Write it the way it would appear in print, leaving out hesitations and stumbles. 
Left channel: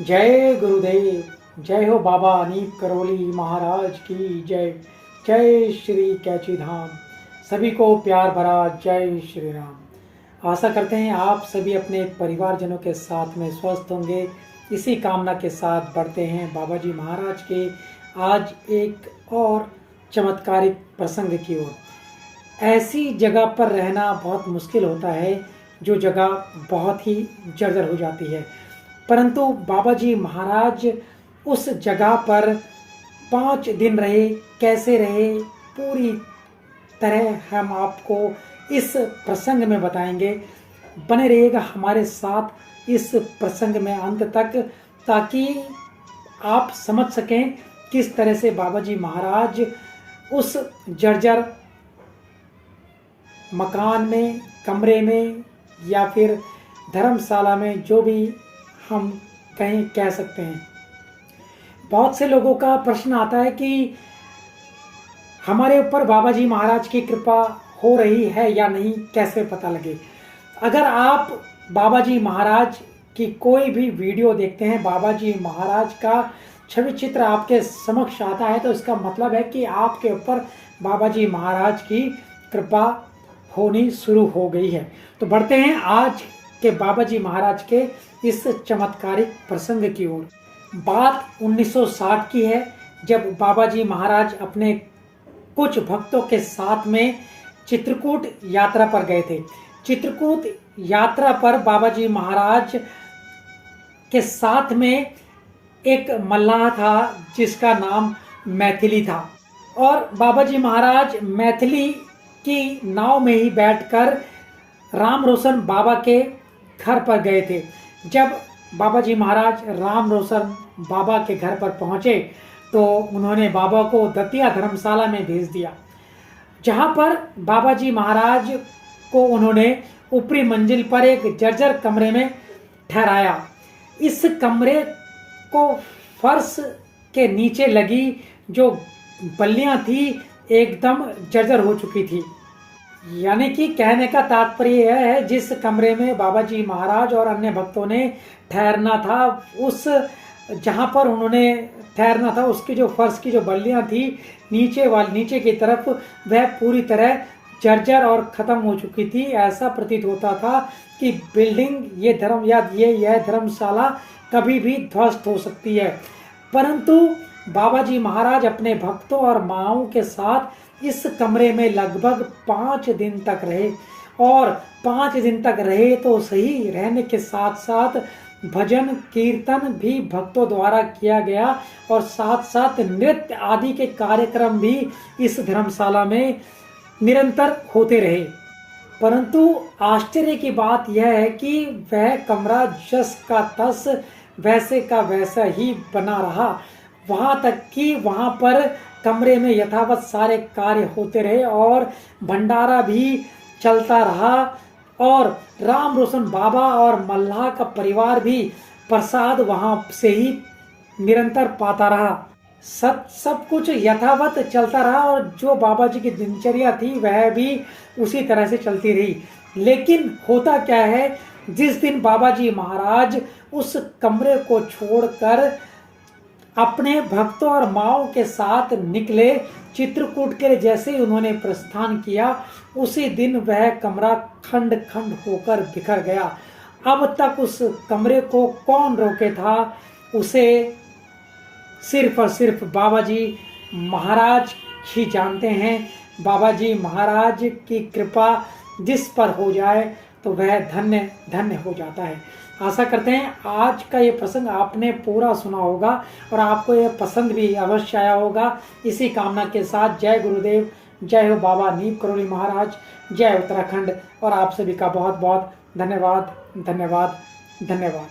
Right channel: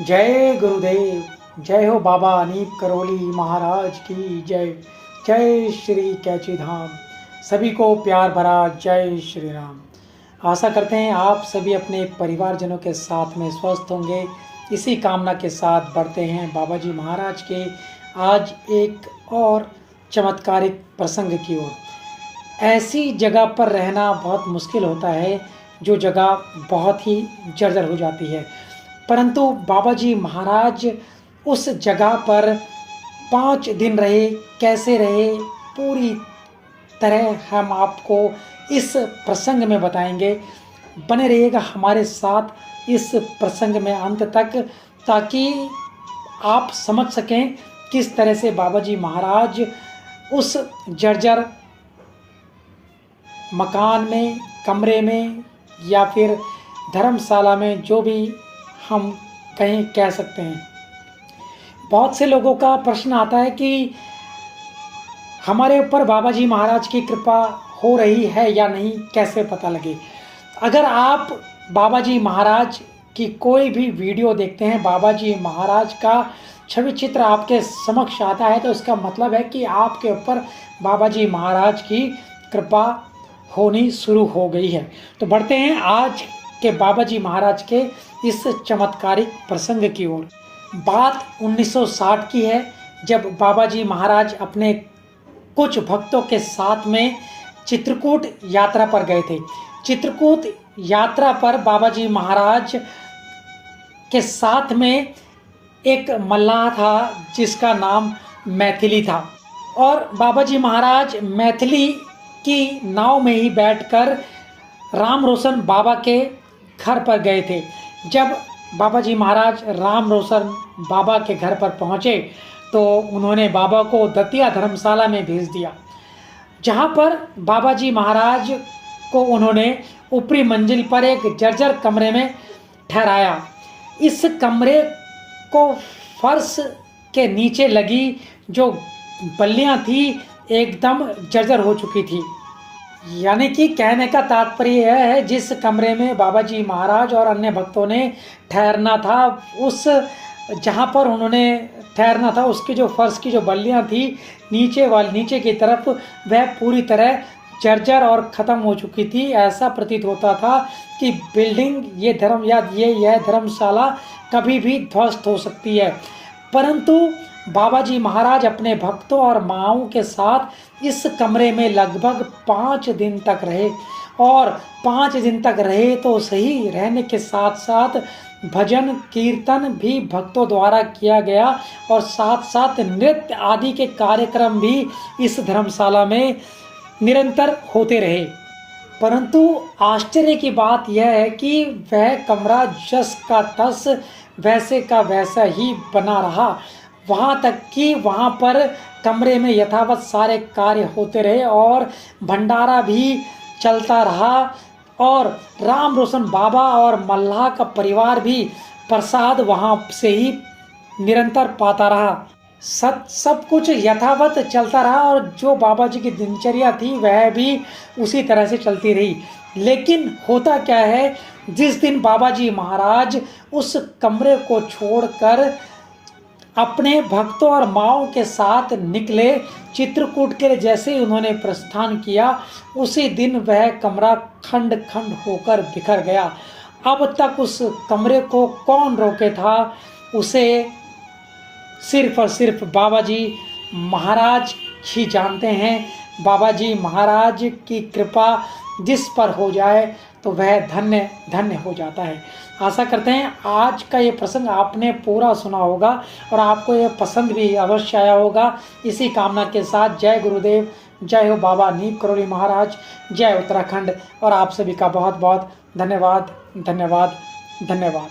जय गुरुदेव। जय हो बाबा अनीप करोली महाराज की जय। जय श्री कैची धाम। सभी को प्यार भरा जय श्री राम। आशा करते हैं आप सभी अपने परिवारजनों के साथ में स्वस्थ होंगे। इसी कामना के साथ बढ़ते हैं बाबा जी महाराज के आज एक और चमत्कारिक प्रसंग की ओर। ऐसी जगह पर रहना बहुत मुश्किल होता है जो जगह बहुत ही जर्जर हो जाती है, परंतु बाबा जी महाराज उस जगह पर 5 दिन रहे। कैसे रहे पूरी तरह हम आपको इस प्रसंग में बताएंगे। बने रहिएगा हमारे साथ इस प्रसंग में अंत तक, ताकि आप समझ सकें किस तरह से बाबा जी महाराज उस जर्जर मकान में, कमरे में या फिर धर्मशाला में, जो भी हम कहीं कह सकते हैं। बहुत से लोगों का प्रश्न आता है कि हमारे ऊपर बाबा जी महाराज की कृपा हो रही है या नहीं, कैसे पता लगे। अगर आप बाबा जी महाराज की कोई भी वीडियो देखते हैं, बाबा जी महाराज का छवि चित्र आपके समक्ष आता है, तो इसका मतलब है कि आपके ऊपर बाबा जी महाराज की कृपा होनी शुरू हो गई है। तो बढ़ते हैं आज के बाबा जी महाराज के इस चमत्कारिक प्रसंग की ओर। बात 1960 की है, जब बाबा जी महाराज अपने कुछ भक्तों के साथ में चित्रकूट यात्रा पर गए थे। चित्रकूट यात्रा पर बाबा जी महाराज के साथ में एक मल्लाह था जिसका नाम मैथिली था, और बाबा जी महाराज मैथिली की नाव में ही बैठकर राम रोशन बाबा के घर पर गए थे। जब बाबा जी महाराज राम रोशन बाबा के घर पर पहुँचे तो उन्होंने बाबा को दतिया धर्मशाला में भेज दिया, जहाँ पर बाबा जी महाराज को उन्होंने ऊपरी मंजिल पर एक जर्जर कमरे में ठहराया। इस कमरे को फर्श के नीचे लगी जो बल्लियाँ थी एकदम जर्जर हो चुकी थी। यानी कि कहने का तात्पर्य यह है, जिस कमरे में बाबा जी महाराज और अन्य भक्तों ने ठहरना था, उस जहाँ पर उन्होंने ठहरना था उसकी जो फर्श की जो बल्लियाँ थी नीचे की तरफ, वह पूरी तरह जर्जर और ख़त्म हो चुकी थी। ऐसा प्रतीत होता था कि बिल्डिंग यह धर्मशाला कभी भी ध्वस्त हो सकती है। परंतु बाबा जी महाराज अपने भक्तों और माँओं के साथ इस कमरे में लगभग 5 दिन तक रहे, और 5 दिन तक रहे तो सही, रहने के साथ साथ भजन कीर्तन भी भक्तों द्वारा किया गया, और साथ साथ नृत्य आदि के कार्यक्रम भी इस धर्मशाला में निरंतर होते रहे। परंतु आश्चर्य की बात यह है कि वह कमरा जस का तस वैसे का वैसा ही बना रहा। वहाँ तक कि वहाँ पर कमरे में यथावत सारे कार्य होते रहे और भंडारा भी चलता रहा, और राम रोशन बाबा और मल्लाह का परिवार भी प्रसाद वहाँ से ही निरंतर पाता रहा। सब कुछ यथावत चलता रहा, और जो बाबा जी की दिनचर्या थी वह भी उसी तरह से चलती रही। लेकिन होता क्या है, जिस दिन बाबा जी महाराज उस कमरे को छोड़कर अपने भक्तों और माँओं के साथ निकले चित्रकूट के लिए, जैसे ही उन्होंने प्रस्थान किया, उसी दिन वह कमरा खंड खंड होकर बिखर गया। अब तक उस कमरे को कौन रोके था, उसे सिर्फ और सिर्फ बाबा जी महाराज ही जानते हैं। बाबा जी महाराज की कृपा जिस पर हो जाए तो वह धन्य धन्य हो जाता है। आशा करते हैं आज का ये प्रसंग आपने पूरा सुना होगा और आपको यह पसंद भी अवश्य आया होगा। इसी कामना के साथ जय गुरुदेव, जय हो बाबा अनीप करोली महाराज, जय उत्तराखंड, और आप सभी का बहुत बहुत धन्यवाद धन्यवाद धन्यवाद।